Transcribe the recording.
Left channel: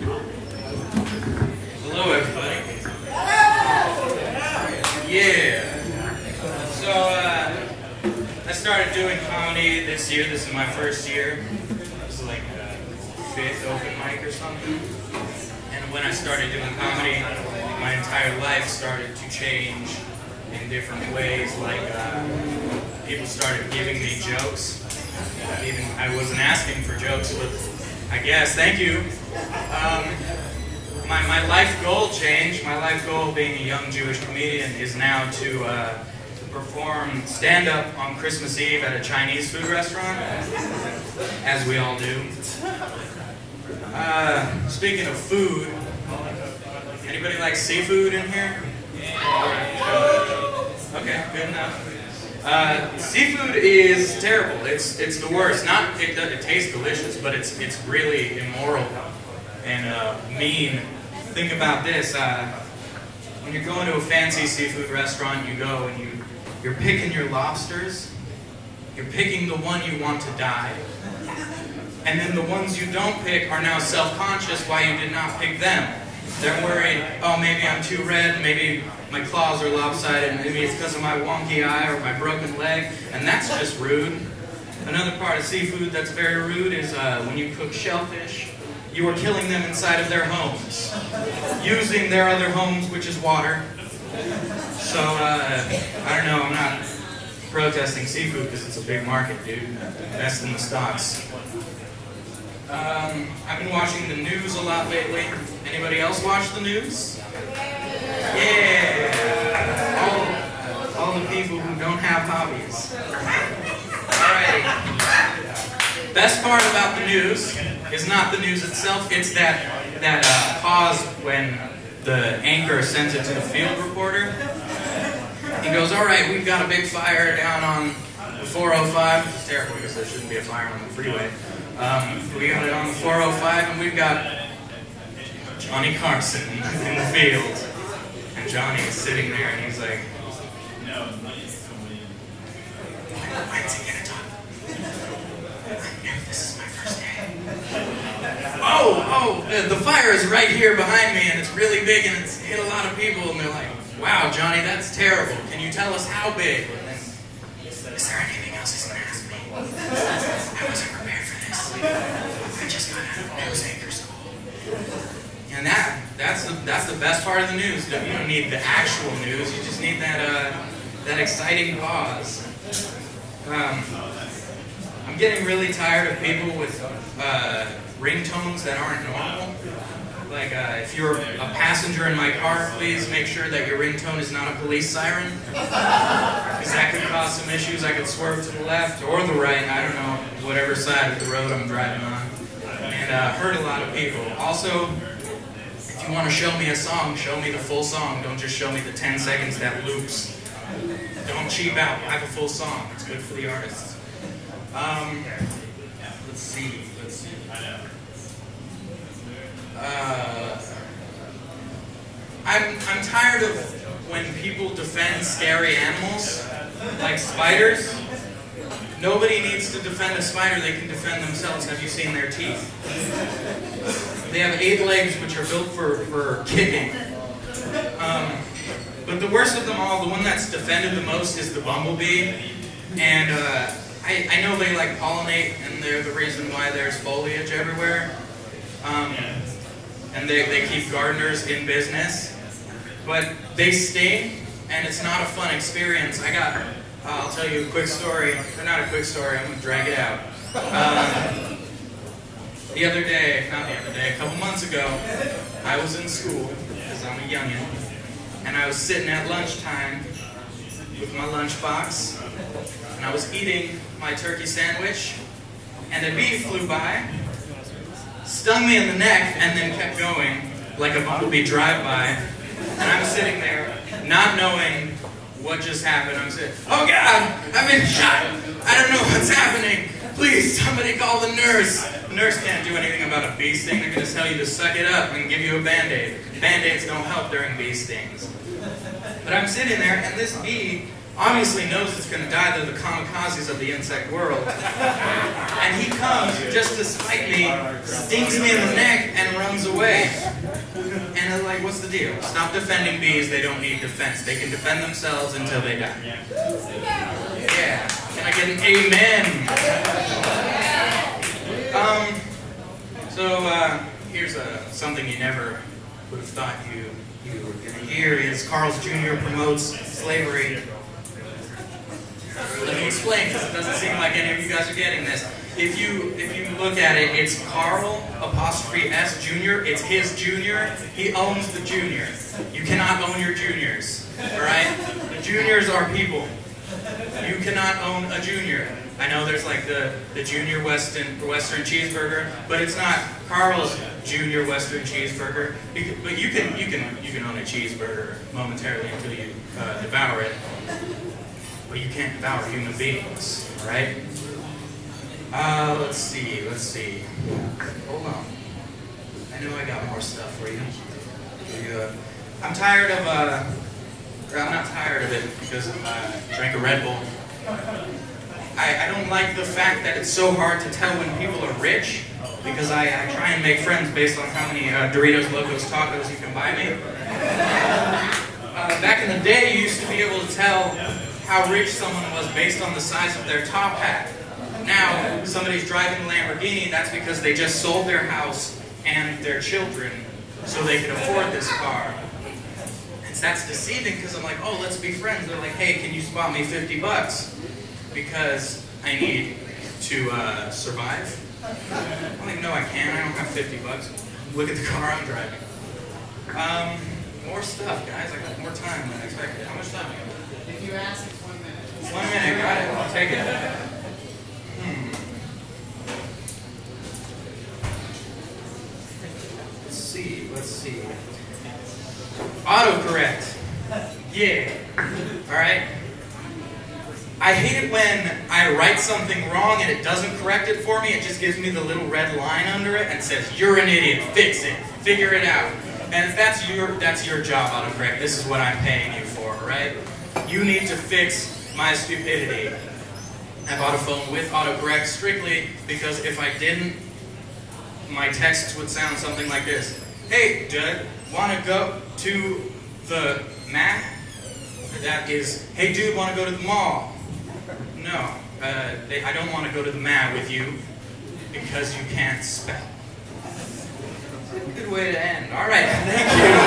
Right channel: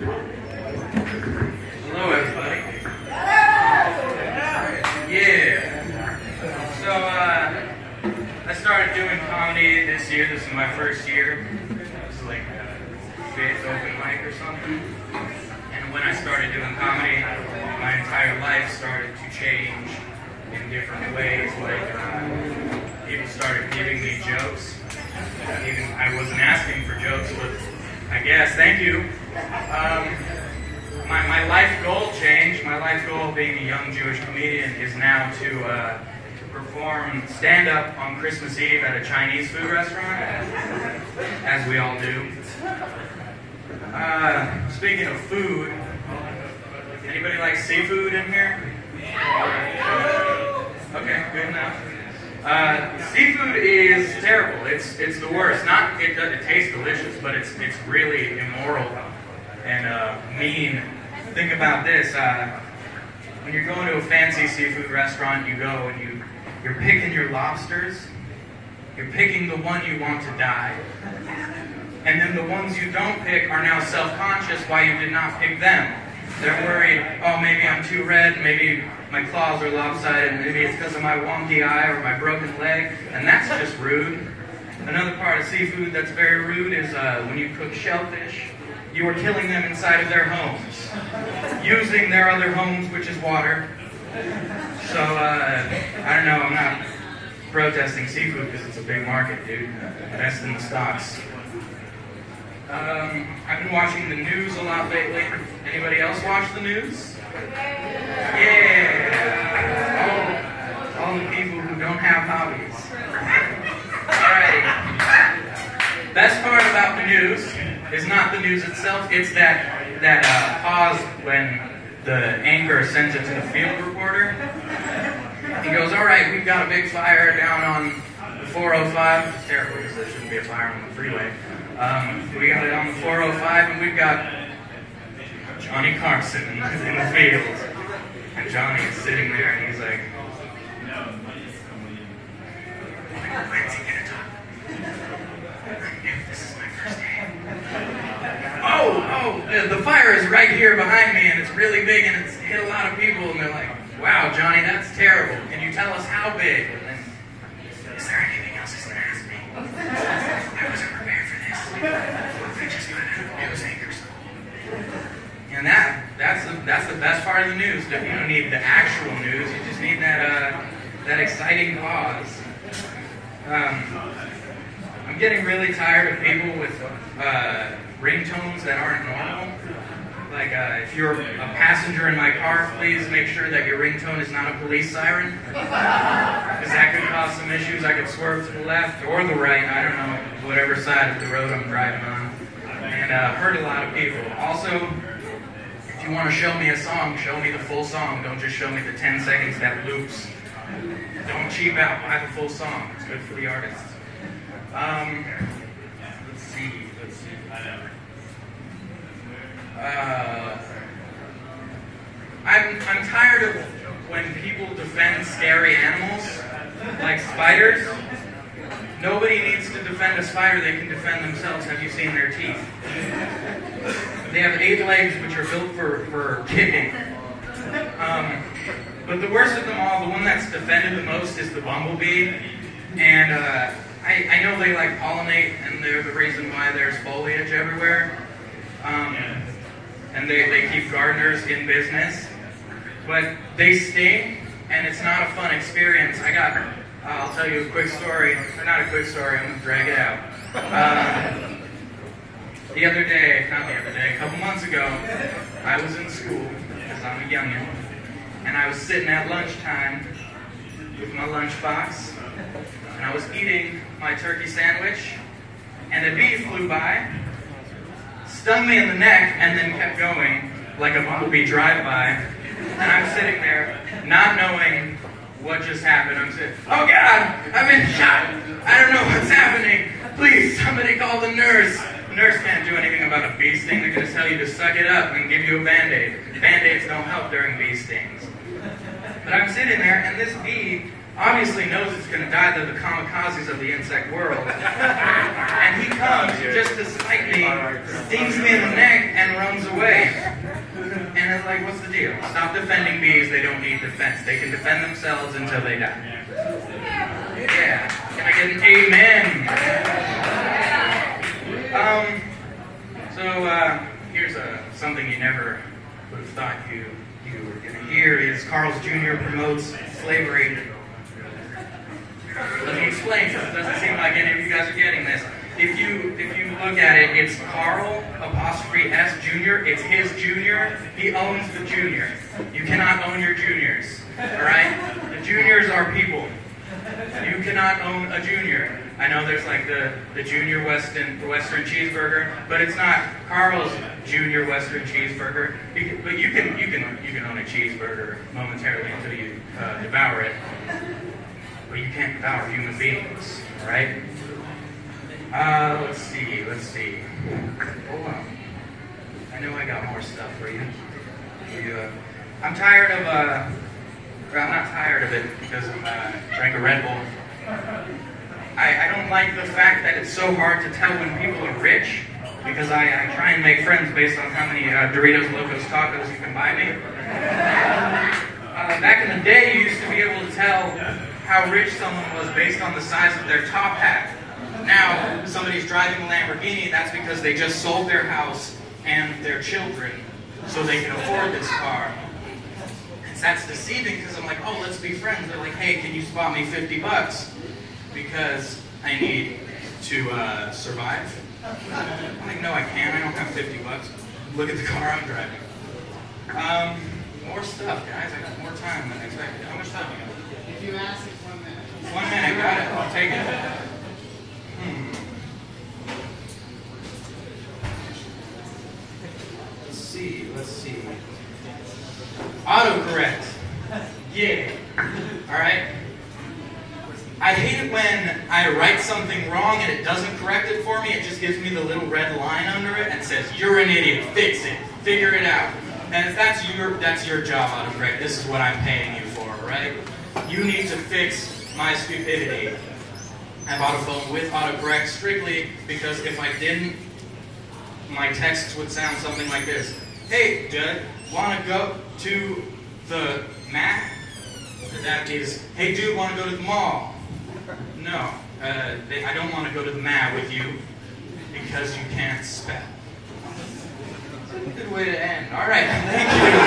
Hello, everybody. Yeah. So, I started doing comedy this year. This is my first year. This is like fifth open mic or something. And when I started doing comedy, my entire life started to change in different ways. Like, people started giving me jokes. Even I wasn't asking for jokes, but I guess, thank you. My life goal changed. My life goal, being a young Jewish comedian, is now to perform stand-up on Christmas Eve at a Chinese food restaurant, as we all do. Speaking of food, anybody like seafood in here? Okay, good enough. Seafood is terrible. It's the worst. It tastes delicious, but it's really immoral and mean. Think about this. When you're going to a fancy seafood restaurant, you go and you're picking your lobsters. You're picking the one you want to die. And then the ones you don't pick are now self-conscious why you did not pick them. They're worried, oh, maybe I'm too red, maybe my claws are lopsided, maybe it's because of my wonky eye or my broken leg, and that's just rude. Another part of seafood that's very rude is when you cook shellfish, you are killing them inside of their homes, using their other homes, which is water. So, I don't know, I'm not protesting seafood because it's a big market, dude. Best in the stocks. I've been watching the news a lot lately. Anybody else watch the news? Yeah! All the people who don't have hobbies. Alright. Best part about the news is not the news itself, it's that pause when the anchor sends it to the field reporter. He goes, alright, we've got a big fire down on the 405. It's terrible because there shouldn't be a fire on the freeway. We got it on the 405, and we've got Johnny Carson in the field. And Johnny is sitting there, and he's like, when's he gonna talk? I knew this is my first day. Oh, the fire is right here behind me, and it's really big, and it's hit a lot of people, and they're like, wow, Johnny, that's terrible. Can you tell us how big? And, is there anything else he's gonna ask me? I wasn't prepared for this. I just got out of news anchor school. And that's the best part of the news. You don't need the actual news. You just need that exciting pause. I'm getting really tired of people with ringtones that aren't normal. Like, if you're a passenger in my car, please make sure that your ringtone is not a police siren. Because that could cause some issues. I could swerve to the left or the right, I don't know, whatever side of the road I'm driving on. And hurt a lot of people. Also, if you want to show me a song, show me the full song. Don't just show me the 10 seconds that loops. Don't cheap out. Buy the full song. It's good for the artists. Let's see. I'm tired of when people defend scary animals, like spiders. Nobody needs to defend a spider, they can defend themselves. Have you seen their teeth? They have 8 legs, which are built for kicking. But the worst of them all, the one that's defended the most, is the bumblebee. And I know they like pollinate, and they're the reason why there's foliage everywhere. And they keep gardeners in business. But they sting, and it's not a fun experience. I'll tell you a quick story. Or not a quick story, I'm going to drag it out. A couple months ago, I was in school, because I'm a youngin', and I was sitting at lunchtime with my lunchbox, and I was eating my turkey sandwich, and a bee flew by, stung me in the neck, and then kept going like a bumblebee drive-by. And I'm sitting there, not knowing what just happened. I'm saying, oh God, I've been shot. I don't know what's happening. Please, somebody call the nurse. The nurse can't do anything about a bee sting. They're going to tell you to suck it up and give you a Band-Aid. Band-Aids don't help during bee stings. But I'm sitting there, and this bee obviously knows it's going to die. They're the kamikazes of the insect world. And he comes just to spite me, stings me in the neck, and runs away. And I'm like, what's the deal? Stop defending bees. They don't need defense. They can defend themselves until they die. Yeah. Can I get an amen? Here's something you never would have thought you were going to hear is Carl's Jr. promotes slavery. Let me explain, because it doesn't seem like any of you guys are getting this. If you look at it, it's Carl apostrophe S Jr. It's his junior. He owns the junior. You cannot own your juniors. Alright? The juniors are people. You cannot own a junior. I know there's like the junior Western cheeseburger, but it's not Carl's junior Western cheeseburger. But you can own a cheeseburger momentarily until you devour it. But you can't devour human beings, all right? Let's see. Hold on. I know I got more stuff for you. I'm tired of, I'm not tired of it because I drank a Red Bull. I don't like the fact that it's so hard to tell when people are rich because I try and make friends based on how many Doritos Locos Tacos you can buy me. Back in the day, you used to be able to tell how rich someone was based on the size of their top hat. Now, somebody's driving a Lamborghini, that's because they just sold their house and their children so they can afford this car. And that's deceiving because I'm like, oh, let's be friends. They're like, hey, can you spot me 50 bucks? Because I need to survive. I'm like, no, I can't. I don't have 50 bucks. Look at the car I'm driving. More stuff, guys. I got more time than I expected. How much time do I got? If you ask, it's 1 minute. 1 minute, got it. I'll take it. Let's see. Autocorrect. Yeah. Alright? I hate it when I write something wrong and it doesn't correct it for me. It just gives me the little red line under it and says, you're an idiot, fix it, figure it out. And if that's your job, autocorrect, this is what I'm paying you for, right? You need to fix my stupidity. I bought a phone with autocorrect strictly because if I didn't, my texts would sound something like this. Hey, Doug, want to go to the Mac? That is, hey, dude, want to go to the mall? No, I don't want to go to the mat with you because you can't spell. Good way to end. All right, thank you.